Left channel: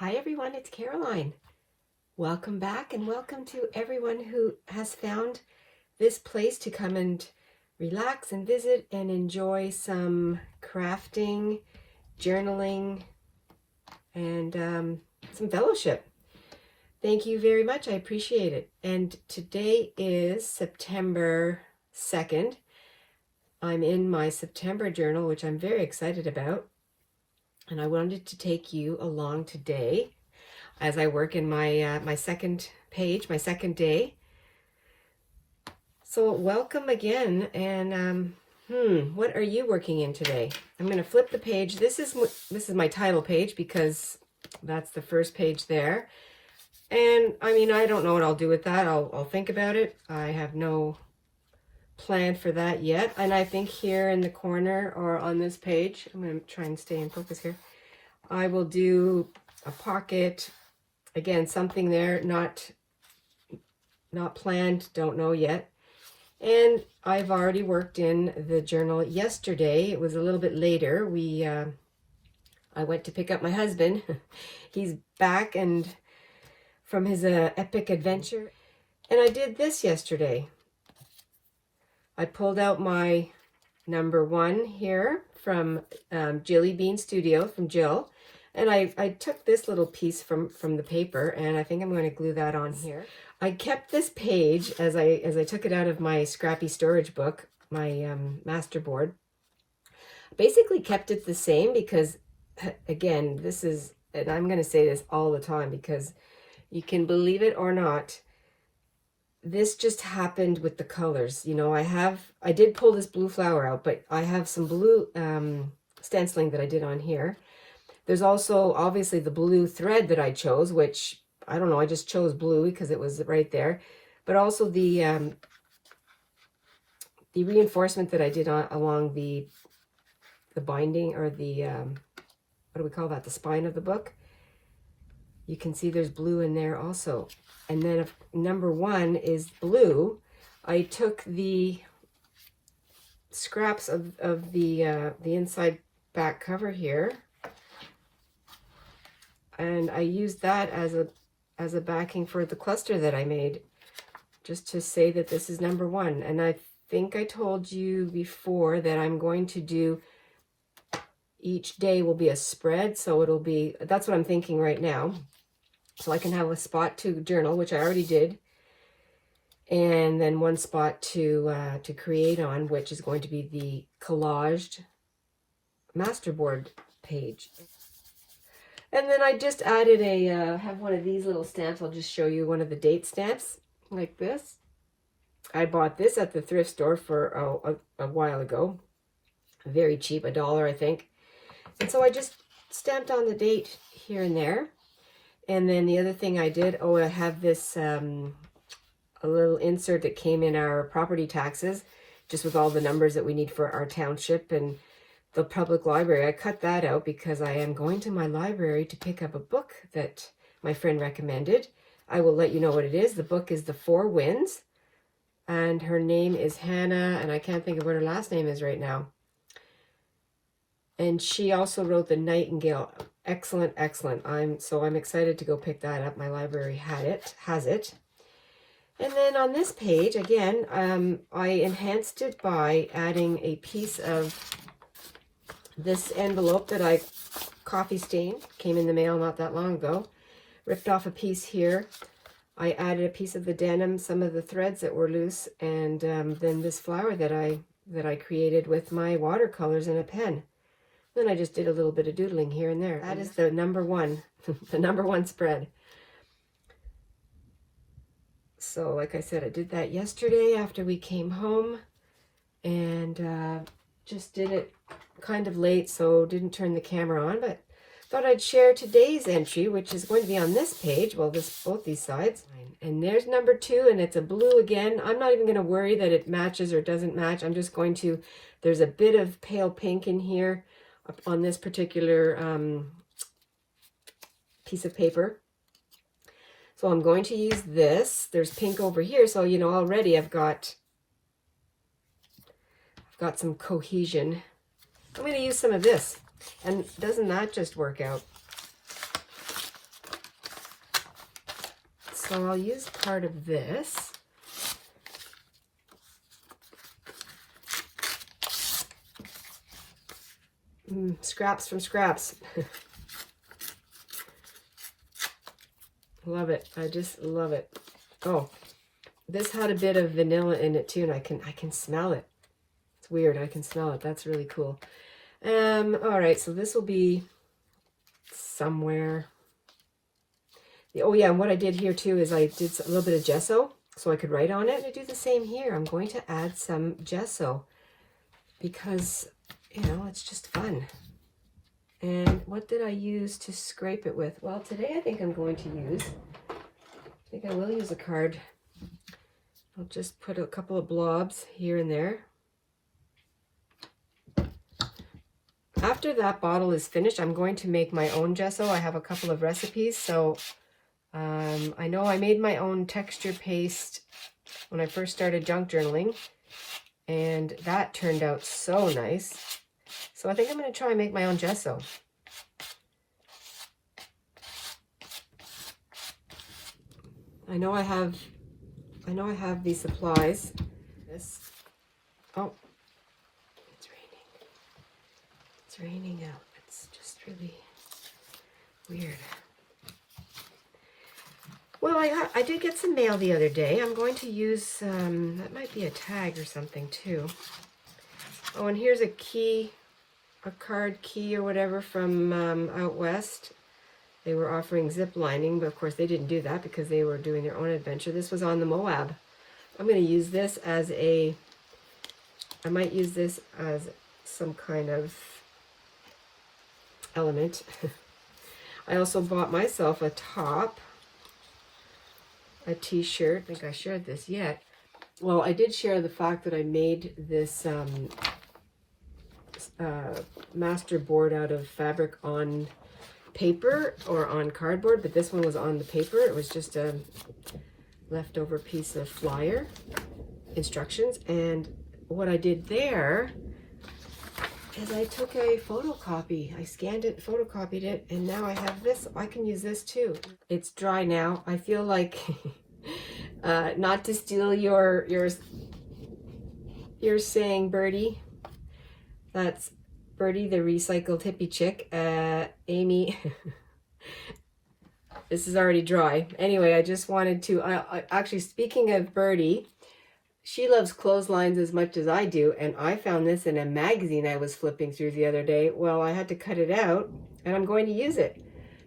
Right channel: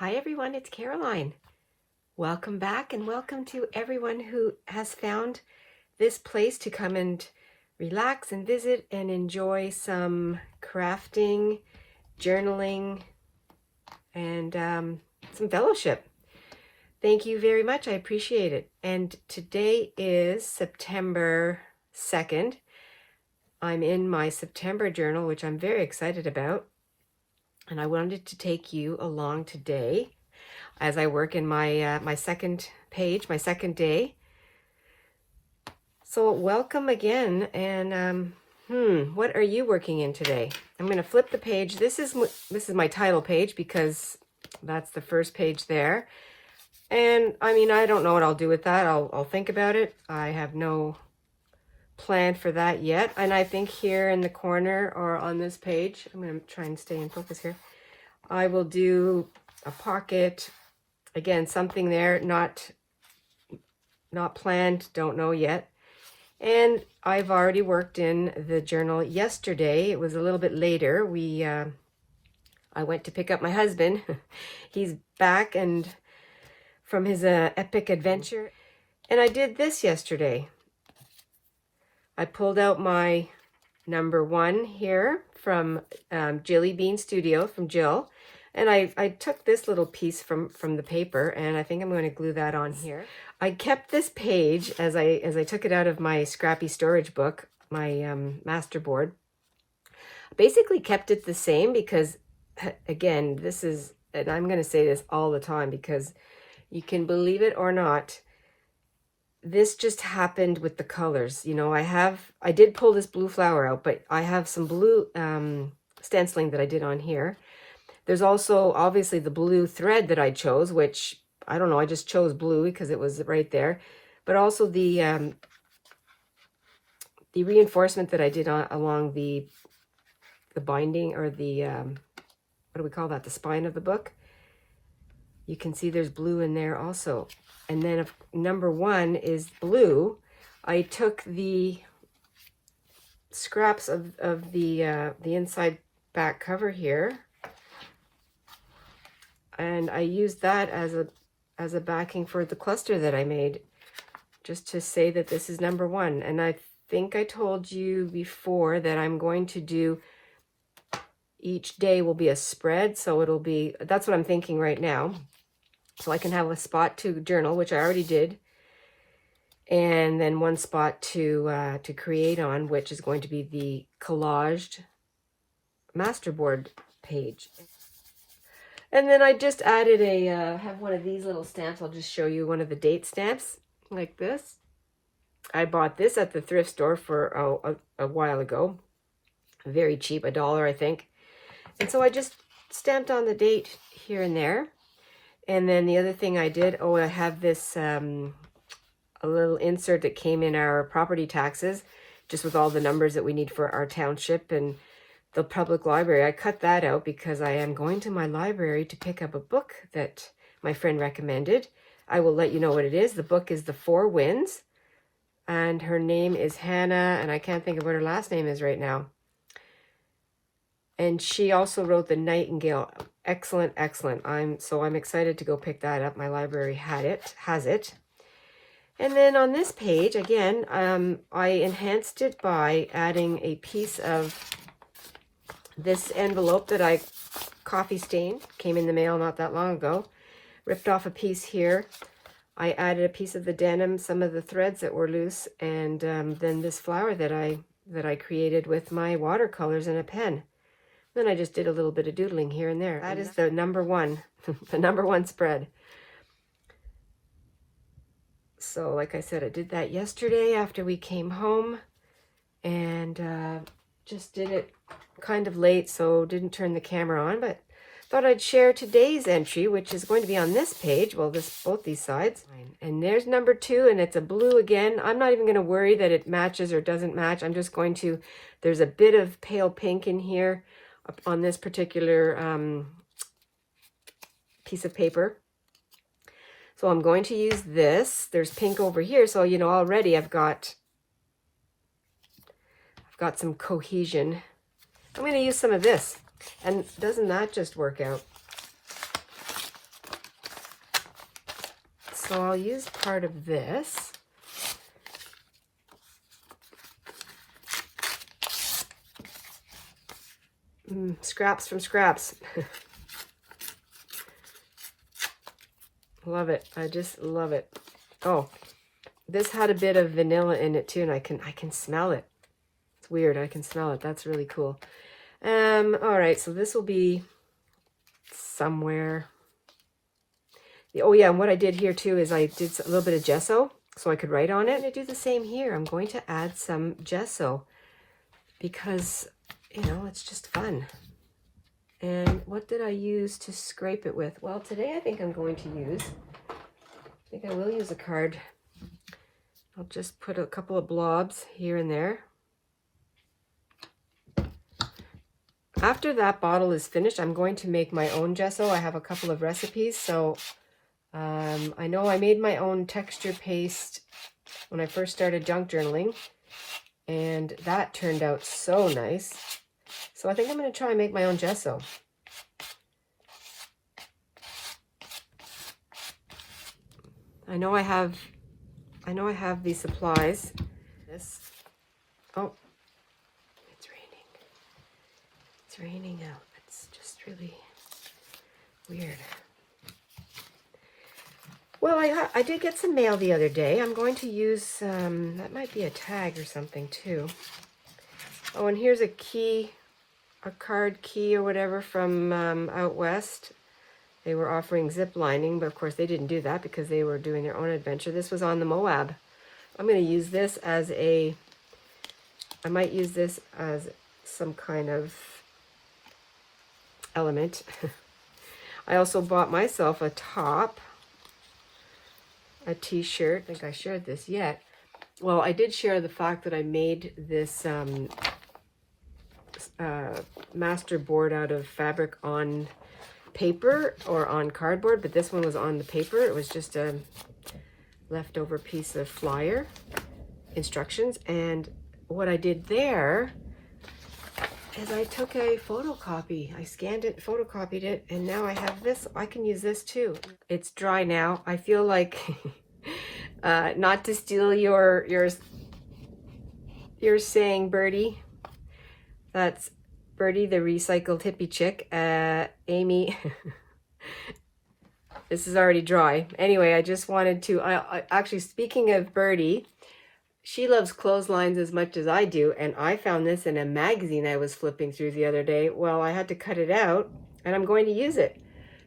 Hi everyone, it's Caroline. Welcome back and welcome to everyone who has found this place to come and relax and visit and enjoy some crafting, journaling, and some fellowship. Thank you very much. I appreciate it. And today is September 2nd. I'm in my September journal, which I'm very excited about. And I wanted to take you along today as I work in my my second page, my second day. So welcome again. And what are you working in today? I'm going to flip the page. This is my title page because that's the first page there. And I mean, I don't know what I'll do with that. I'll think about it. I have no plan for that yet. And I think here in the corner or on this page, I'm going to try and stay in focus here. I will do a pocket, again, something there, not planned, don't know yet. And I've already worked in the journal yesterday. It was a little bit later. I went to pick up my husband. He's back and from his epic adventure. And I did this yesterday. I pulled out my number 1 here from Jilly Bean Studio, from Jill. And I took this little piece from the paper, and I think I'm going to glue that on here. I kept this page as I took it out of my scrappy storage book, my masterboard. Basically kept it the same because, again, this is, and I'm going to say this all the time because you can believe it or not, this just happened with the colors. You know, I did pull this blue flower out, but I have some blue stenciling that I did on here. There's also obviously the blue thread that I chose, which I don't know, I just chose blue because it was right there. But also the reinforcement that I did along the binding, or the what do we call that? The spine of the book. You can see there's blue in there also. And then if number 1 is blue, I took the scraps of the inside back cover here, and I used that as a backing for the cluster that I made, just to say that this is number 1. And I think I told you before that I'm going to do, each day will be a spread, so it'll be, that's what I'm thinking right now. So I can have a spot to journal, which I already did, and then one spot to create on, which is going to be the collaged masterboard page. And then I just added have one of these little stamps. I'll just show you one of the date stamps like this. I bought this at the thrift store for a while ago. Very cheap, $1, I think. And so I just stamped on the date here and there. And then the other thing I did, I have this a little insert that came in our property taxes, just with all the numbers that we need for our township and the public library. I cut that out because I am going to my library to pick up a book that my friend recommended. I will let you know what it is. The book is The 4 Winds, and her name is Hannah, and I can't think of what her last name is right now. And she also wrote The Nightingale. Excellent, excellent. I'm excited to go pick that up. My library has it. And then on this page, again, I enhanced it by adding a piece of this envelope that I coffee stained. Came in the mail not that long ago. Ripped off a piece here. I added a piece of the denim, some of the threads that were loose, and then this flower that I created with my watercolors and a pen. Then I just did a little bit of doodling here and there. That is the number 1, the number 1 spread. So like I said, I did that yesterday after we came home, and just did it kind of late, so didn't turn the camera on, but thought I'd share today's entry, which is going to be on this page. Well, both these sides. And there's number 2, and it's a blue again. I'm not even going to worry that it matches or doesn't match. I'm just going to, there's a bit of pale pink in here on this particular piece of paper. So I'm going to use this. There's pink over here, so you know already I've got some cohesion. I'm going to use some of this, and doesn't that just work out? So I'll use part of this. Scraps from scraps. Love it. I just love it. Oh, this had a bit of vanilla in it too, and I can smell it. It's weird. I can smell it. That's really cool. All right, so this will be somewhere. Oh yeah, and what I did here too is I did a little bit of gesso so I could write on it. And I do the same here. I'm going to add some gesso because, you know, it's just fun. And what did I use to scrape it with? Well, today I think I'm going to use, I think I will use a card. I'll just put a couple of blobs here and there. After that bottle is finished, I'm going to make my own gesso. I have a couple of recipes, so I know I made my own texture paste when I first started junk journaling, and that turned out so nice. So I think I'm going to try and make my own gesso. I know I have these supplies. This. Oh, it's raining. It's raining out. It's just really weird. Well, I did get some mail the other day. I'm going to use, that might be a tag or something too. Oh, and here's a key, a card key or whatever from out west. They were offering zip lining, but of course they didn't do that because they were doing their own adventure. This was on the Moab. I'm going to use this as a, I might use this as some kind of element. I also bought myself a top, a t-shirt. I think I shared this yet. Well, I did share the fact that I made this master board out of fabric on paper or on cardboard, but this one was on the paper. It was just a leftover piece of flyer instructions, and what I did there is I took a photocopy. I scanned it, photocopied it, and now I have this. I can use this too. It's dry now. I feel like not to steal your saying, Birdie. That's Birdie, the recycled hippie chick. Amy, this is already dry. Anyway, I just wanted to, actually, speaking of Birdie, she loves clotheslines as much as I do, and I found this in a magazine I was flipping through the other day. Well, I had to cut it out, and I'm going to use it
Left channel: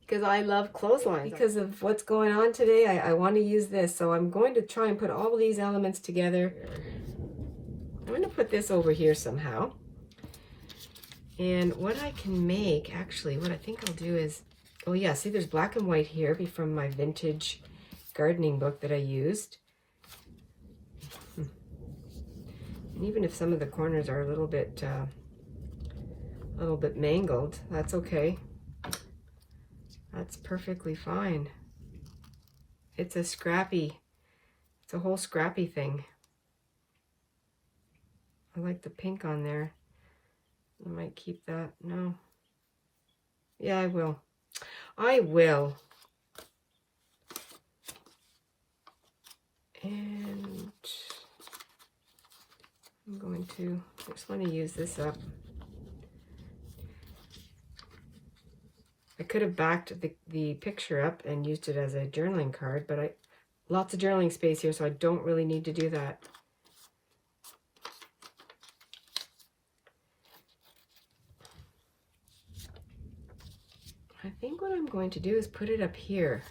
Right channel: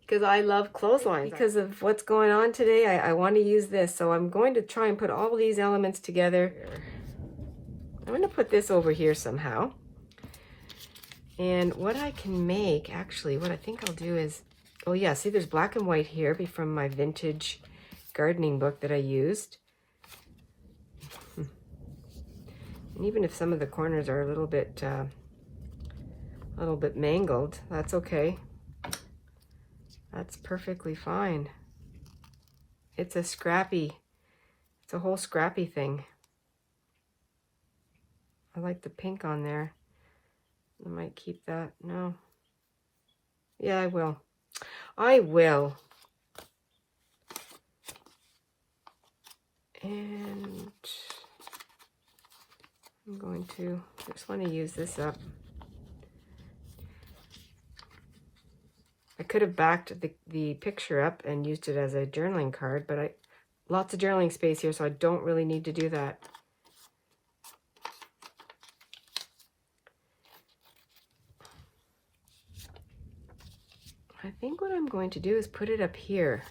because I love clotheslines. Because of what's going on today, I want to use this, so I'm going to try and put all these elements together. I'm going to put this over here somehow. And what I can make, actually, what I think I'll do is, oh yeah, see there's black and white here from my vintage gardening book that I used. And even if some of the corners are a little bit mangled, that's okay. That's perfectly fine. It's a scrappy, it's a whole scrappy thing. I like the pink on there. I might keep that. No. Yeah, I will. I will. And I'm going to, I just want to use this up. I could have backed the picture up and used it as a journaling card, but lots of journaling space here, so I don't really need to do that. I think what I'm going to do is put it up here.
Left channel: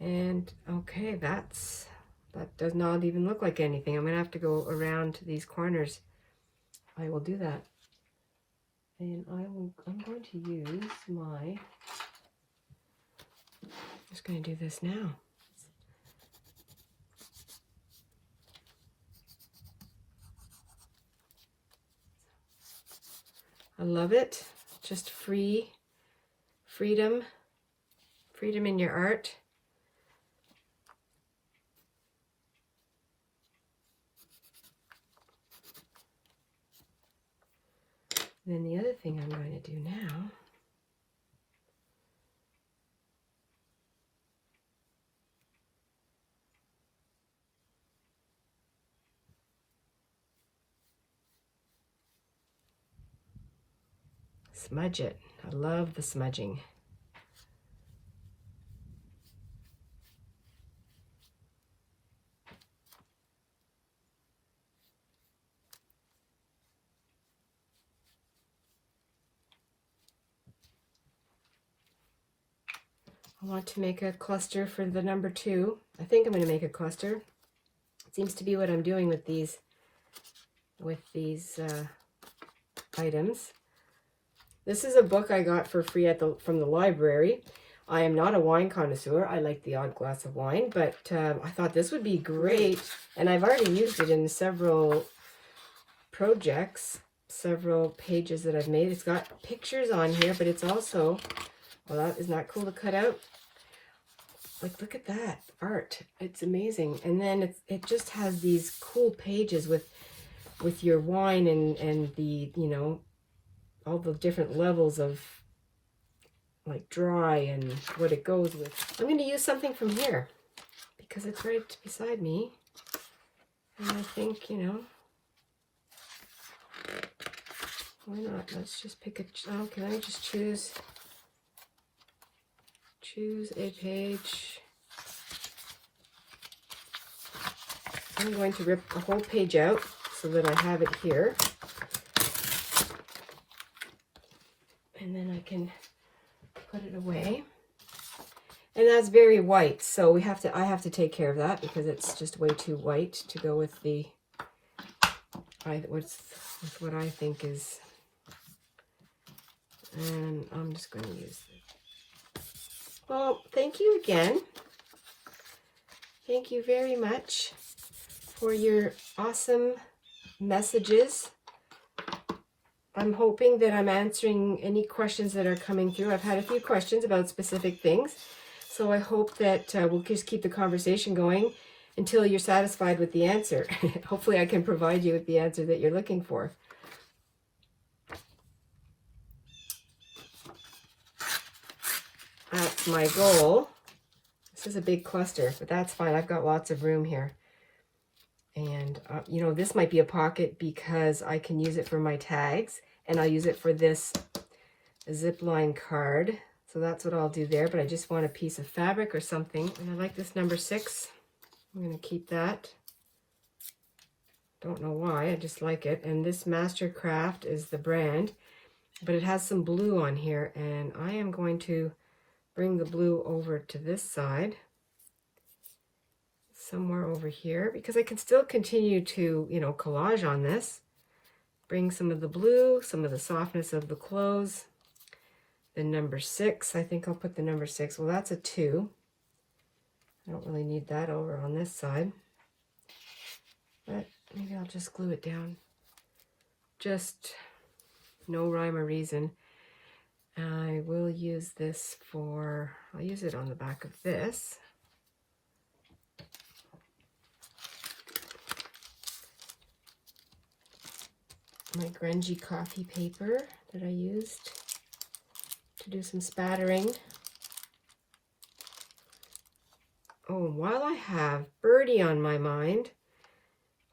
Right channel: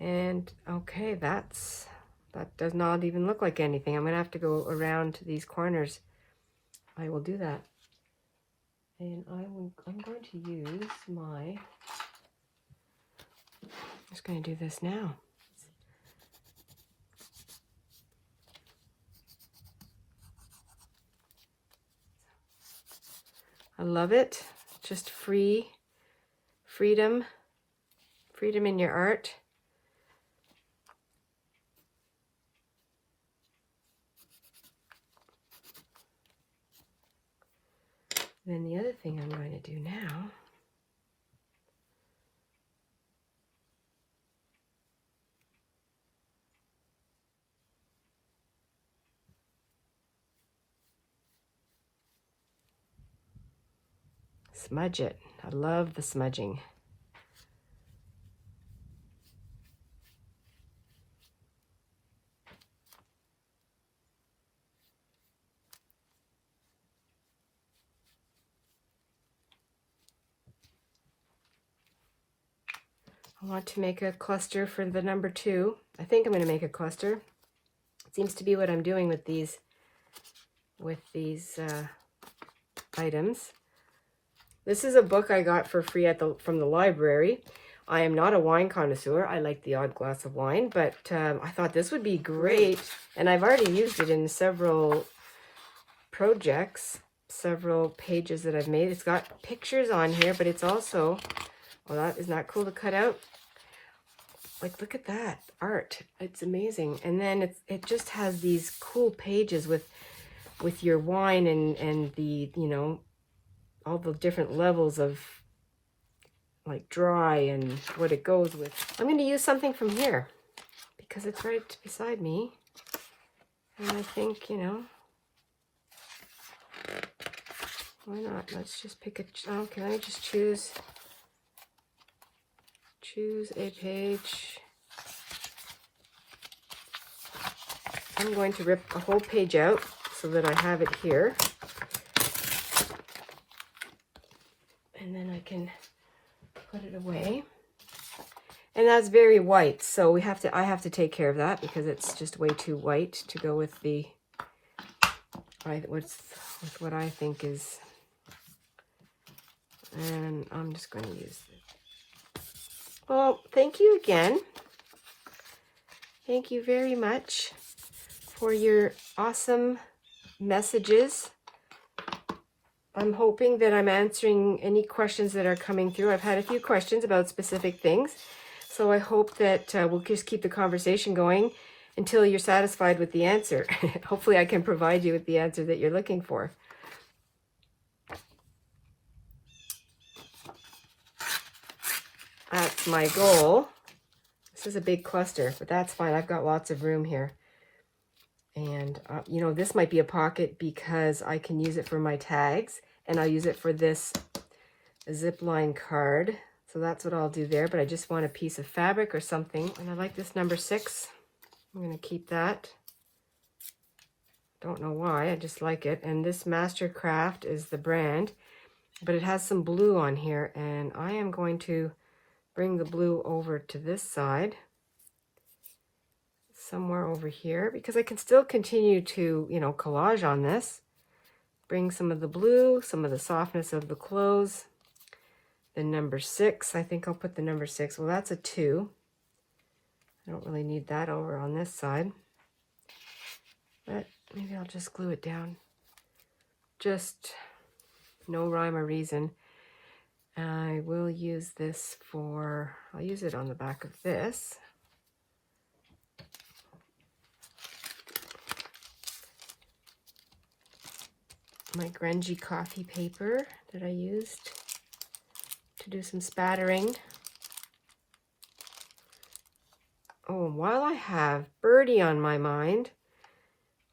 And okay, that does not even look like anything. I'm gonna have to go around these corners. I will do that. And I'm going to use my, I'm just gonna do this now. I love it. Just freedom in your art. And then the other thing I'm going to do now smudge it. I love the smudging. I want to make a cluster for the number 2. I think I'm going to make a cluster. It seems to be what I'm doing with these items. This is a book I got for free from the library. I am not a wine connoisseur. I like the odd glass of wine, but I thought this would be great. And I've already used it in several projects, several pages that I've made. It's got pictures on here, but it's also, well, isn't that cool to cut out? Like, look at that art. It's amazing. And then it just has these cool pages with your wine and the, you know, all the different levels of like dry and what it goes with. I'm going to use something from here because it's right beside me. And I think, you know, why not? Let's just pick a, oh, can I just choose a page? I'm going to rip a whole page out so that I have it here. And then I can put it away. And that's very white, so I have to take care of that because it's just way too white to go with the with what I think is. And I'm just going to use it. Well, thank you again. Thank you very much for your awesome messages. I'm hoping that I'm answering any questions that are coming through. I've had a few questions about specific things, so I hope that we'll just keep the conversation going until you're satisfied with the answer. Hopefully I can provide you with the answer that you're looking for. That's my goal. This is a big cluster, but that's fine. I've got lots of room here. And, you know, this might be a pocket because I can use it for my tags. And I'll use it for this zipline card. So that's what I'll do there. But I just want a piece of fabric or something. And I like this number 6. I'm going to keep that. Don't know why. I just like it. And this Mastercraft is the brand. But it has some blue on here. And I am going to bring the blue over to this side. Somewhere over here, because I can still continue to, you know, collage on this. Bring some of the blue, some of the softness of the clothes. The number 6, I think I'll put the number 6. Well, that's a 2. I don't really need that over on this side. But maybe I'll just glue it down. Just no rhyme or reason. I will use this for, I'll use it on the back of this. My grungy coffee paper that I used to do some spattering. Oh, and while I have Birdie on my mind,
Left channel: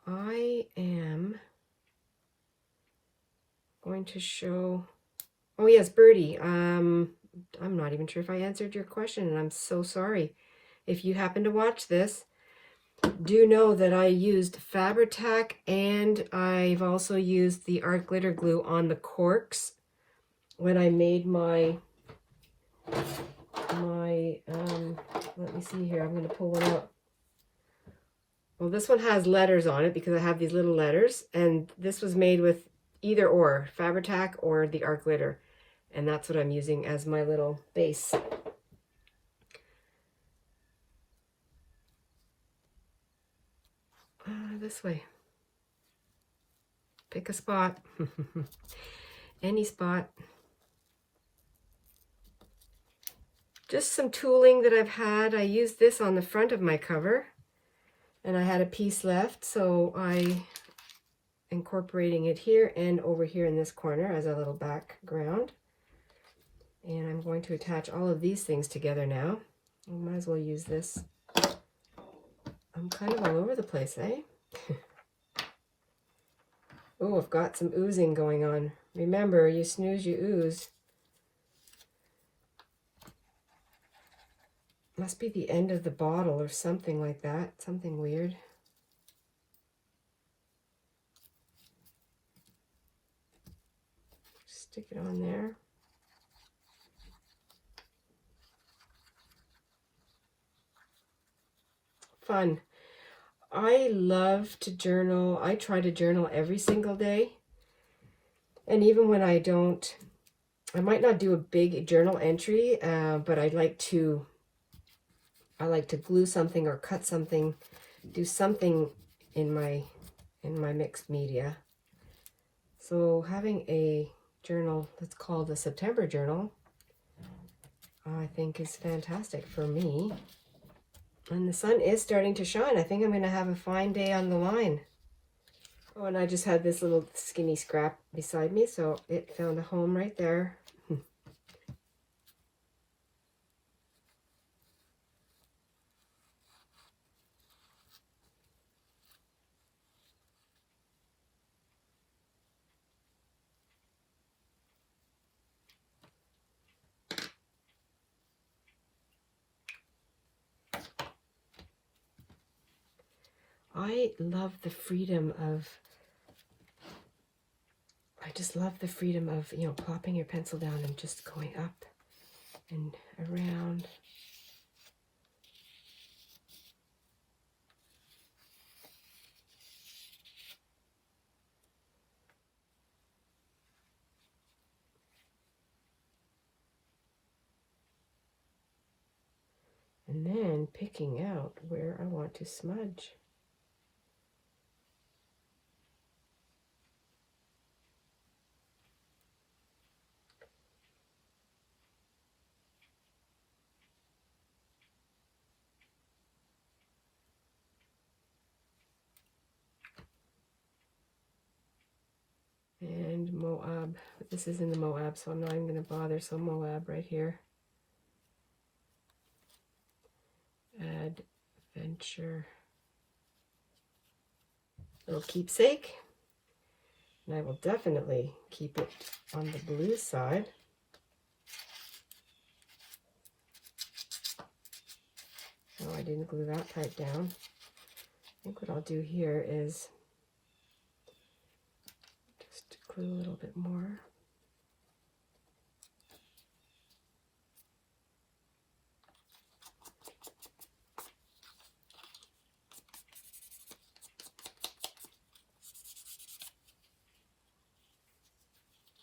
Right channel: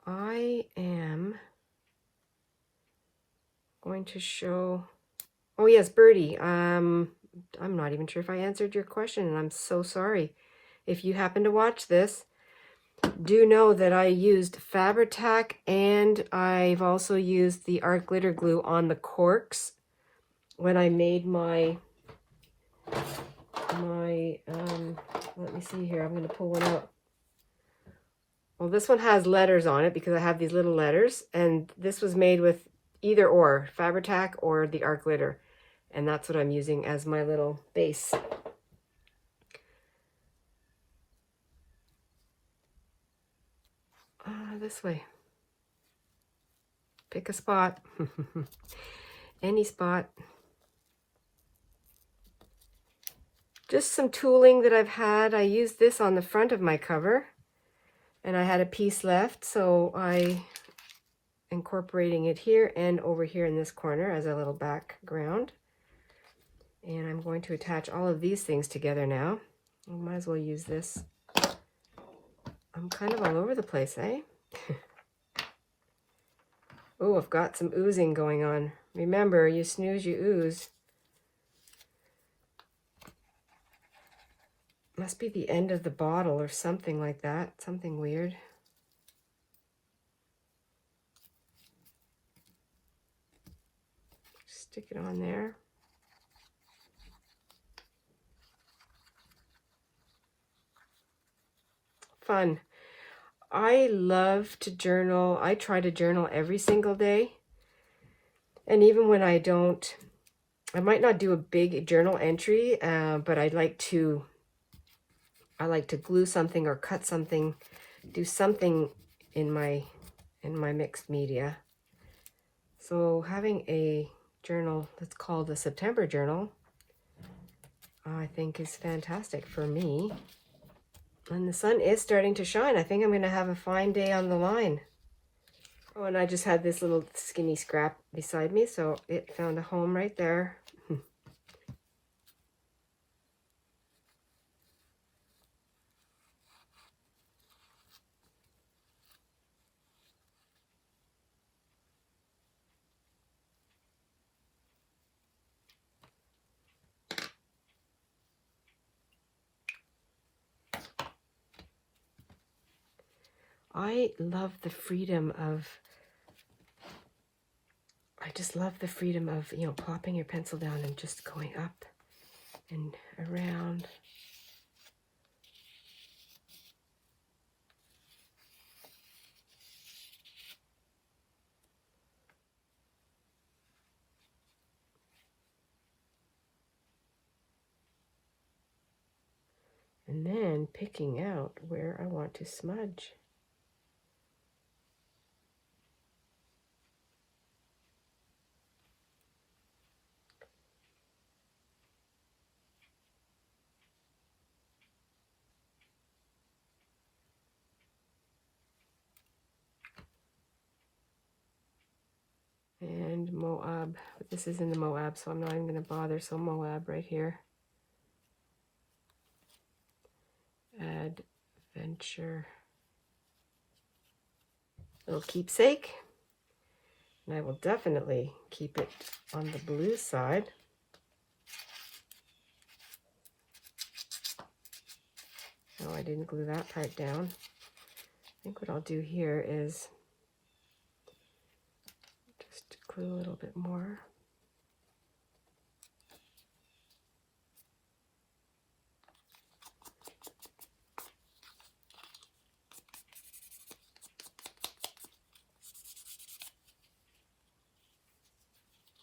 I am going to show, oh yes, Birdie. I'm not even sure if I answered your question, and I'm so sorry. If you happen to watch this, do know that I used Fabri-Tac and I've also used the art glitter glue on the corks when I made my let me see here, I'm going to pull one out. Well, this one has letters on it because I have these little letters, and this was made with either or, Fabri-Tac or the art glitter, and that's what I'm using as my little base. This way. Pick a spot. Any spot. Just some tooling that I've had. I used this on the front of my cover, and I had a piece left, so I incorporating it here and over here in this corner as a little background. And I'm going to attach all of these things together now. I might as well use this. I'm kind of all over the place, eh? Oh, I've got some oozing going on. Remember, you snooze, you ooze. Must be the end of the bottle or something like that. Something weird. Stick it on there. Fun. I love to journal. I try to journal every single day. And even when I don't, I might not do a big journal entry, but I like to glue something or cut something, do something in my mixed media. So having a journal that's called the September journal, I think is fantastic for me. And the sun is starting to shine. I think I'm going to have a fine day on the line. Oh, and I just had this little skinny scrap beside me, so it found a home right there. I love the freedom of, I just love the freedom of, you know, plopping your pencil down and just going up and around. And then picking out where I want to smudge. And Moab, but this is in the Moab, so I'm not even going to bother. So Moab right here. Adventure. Little keepsake. And I will definitely keep it on the blue side. Oh, I didn't glue that part down. I think what I'll do here is just glue a little bit more.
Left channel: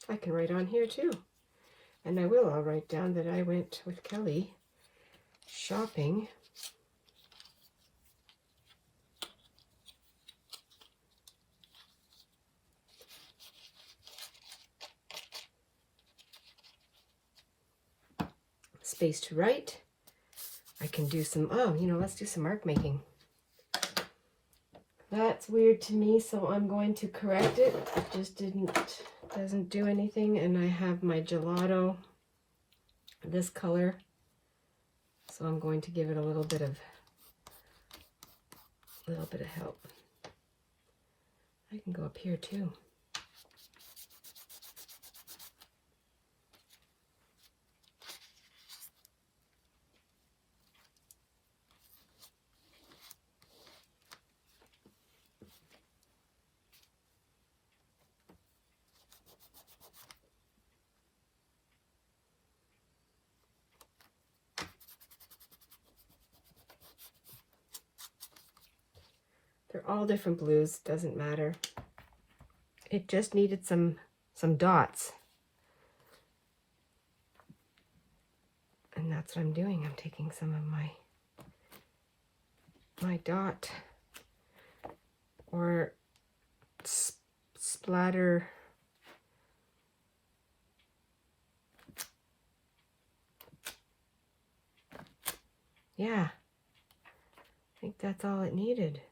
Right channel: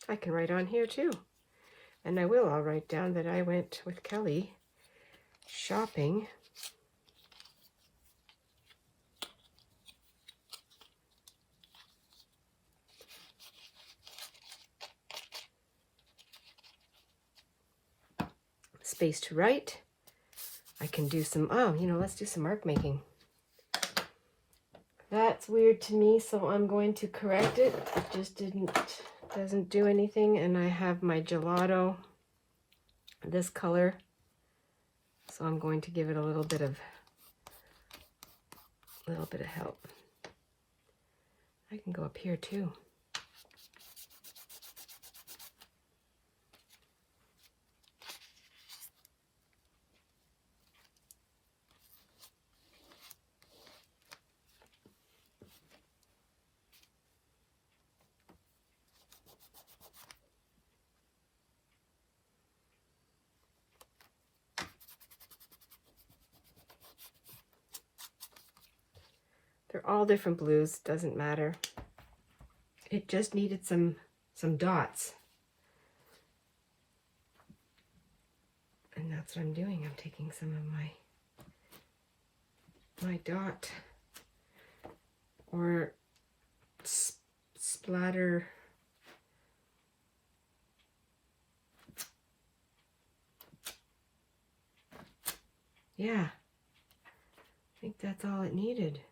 I can write on here too. And I will. I'll write down that I went with Kelly shopping. Space to write. I can do some, oh, you know, let's do some mark making. That's weird to me, so I'm going to correct it. It just doesn't do anything. And I have my gelato, this color. So I'm going to give it a little bit of help. I can go up here too. They're all different blues, doesn't matter. It just needed some dots. And that's what I'm doing. I'm taking some of my dot or splatter. Yeah, I think that's all it needed.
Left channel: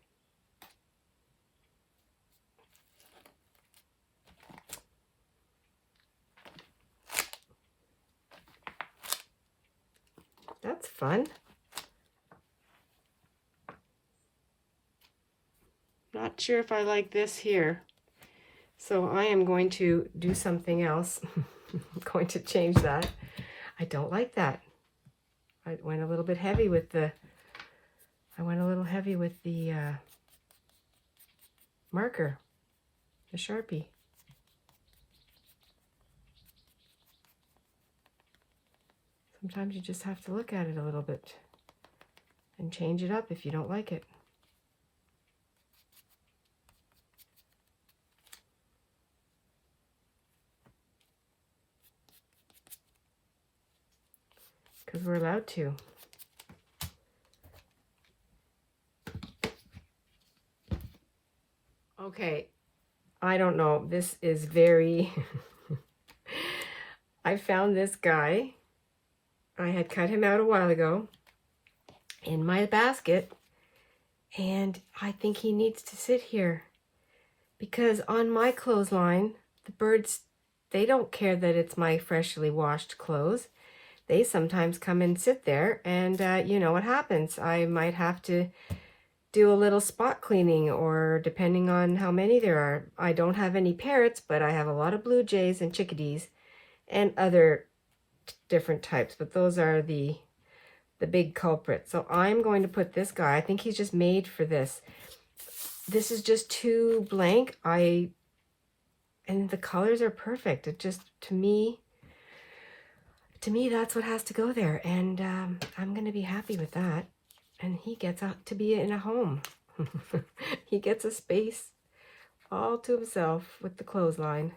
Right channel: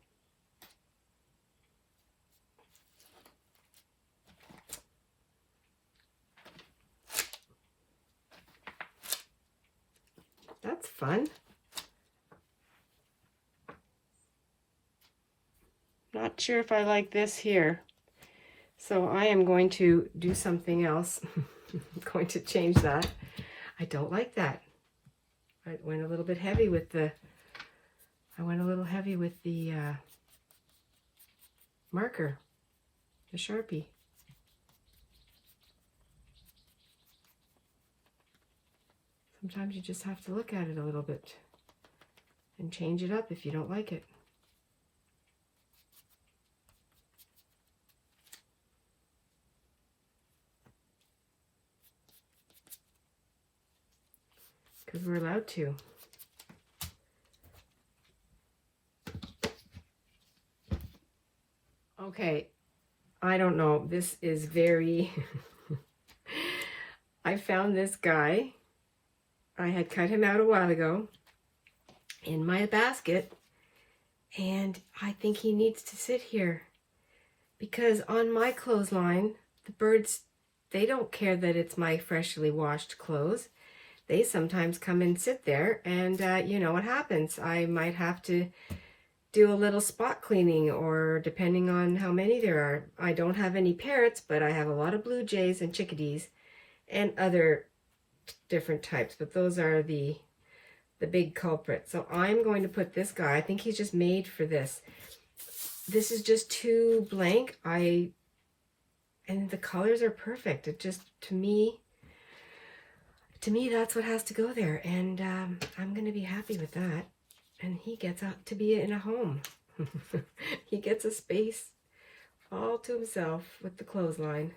fun. Not sure if I like this here. So I am going to do something else. I'm going to change that. I don't like that. I went a little bit heavy with the, marker, the Sharpie. Sometimes you just have to look at it a little bit and change it up if you don't like it. Because we're allowed to. Okay, I don't know. This is very... I found this guy. I had cut him out a while ago in my basket, and I think he needs to sit here because on my clothesline, the birds, they don't care that it's my freshly washed clothes. They sometimes come and sit there, and you know what happens. I might have to do a little spot cleaning, or depending on how many there are. I don't have any parrots, but I have a lot of blue jays and chickadees and other different types, but those are the big culprit. So I'm going to put this guy, I think he's just made for this. This is just too blank. And the colors are perfect. It just, to me that's what has to go there, and I'm going to be happy with that. And he gets out to be in a home. He gets a space all to himself with the clothesline.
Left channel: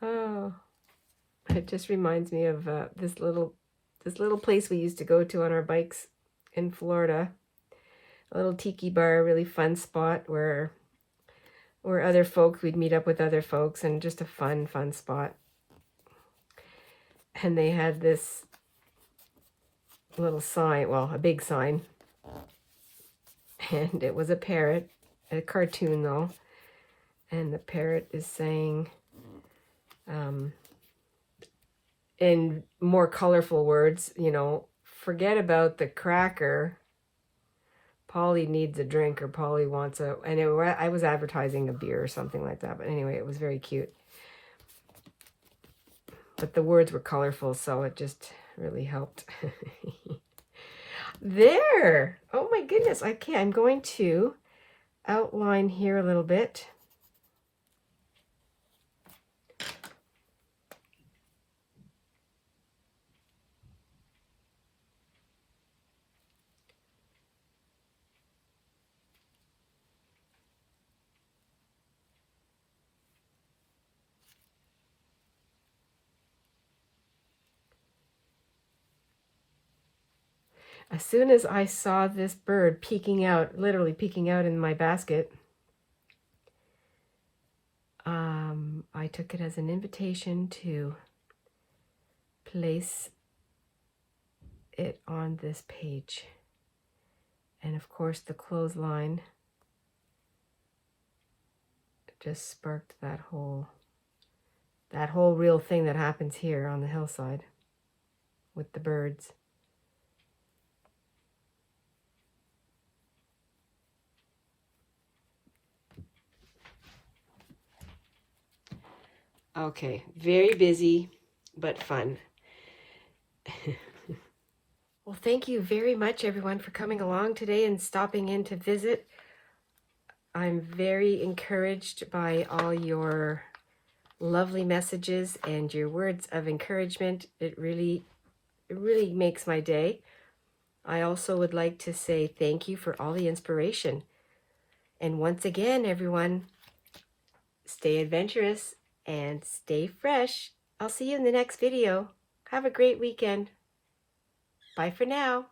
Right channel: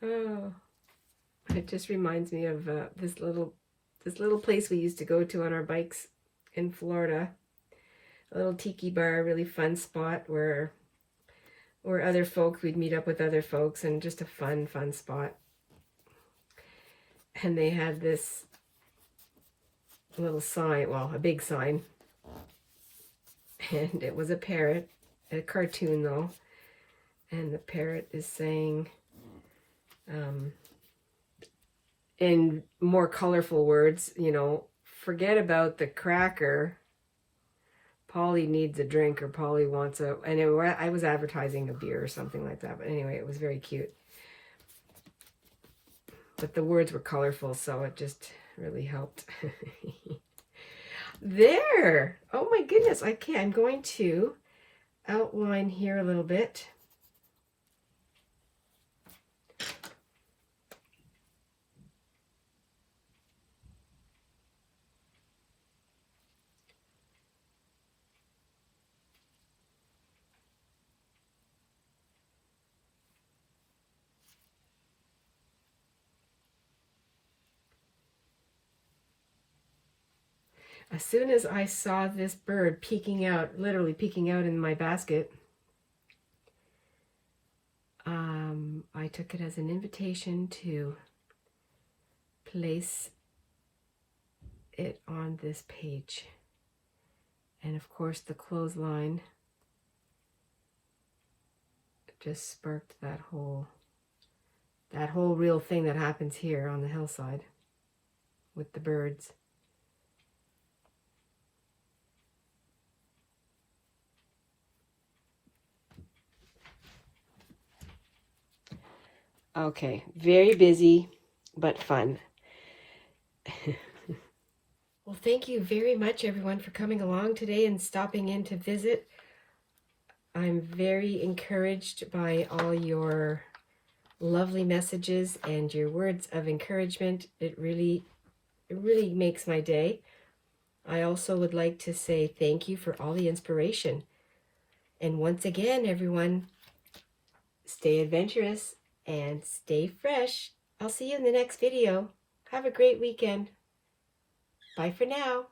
Oh, it just reminds me of this little place we used to go to on our bikes in Florida. A little tiki bar, really fun spot where other folks, we'd meet up with other folks, and just a fun spot. And they had this little sign, well, a big sign, and it was a parrot, a cartoon though, and the parrot is saying, in more colorful words, you know, forget about the cracker. Polly needs a drink, or Polly wants a, and I was advertising a beer or something like that. But anyway, it was very cute. But the words were colorful, so it just really helped. There! Oh my goodness, I'm going to outline here a little bit. As soon as I saw this bird peeking out, literally peeking out in my basket, I took it as an invitation to place it on this page. And of course the clothesline just sparked that whole real thing that happens here on the hillside with the birds. Okay, very busy, but fun. Well, thank you very much, everyone, for coming along today and stopping in to visit. I'm very encouraged by all your lovely messages and your words of encouragement. It really makes my day. I also would like to say thank you for all the inspiration. And once again, everyone, stay adventurous and stay fresh. I'll see you in the next video. Have a great weekend. Bye for now.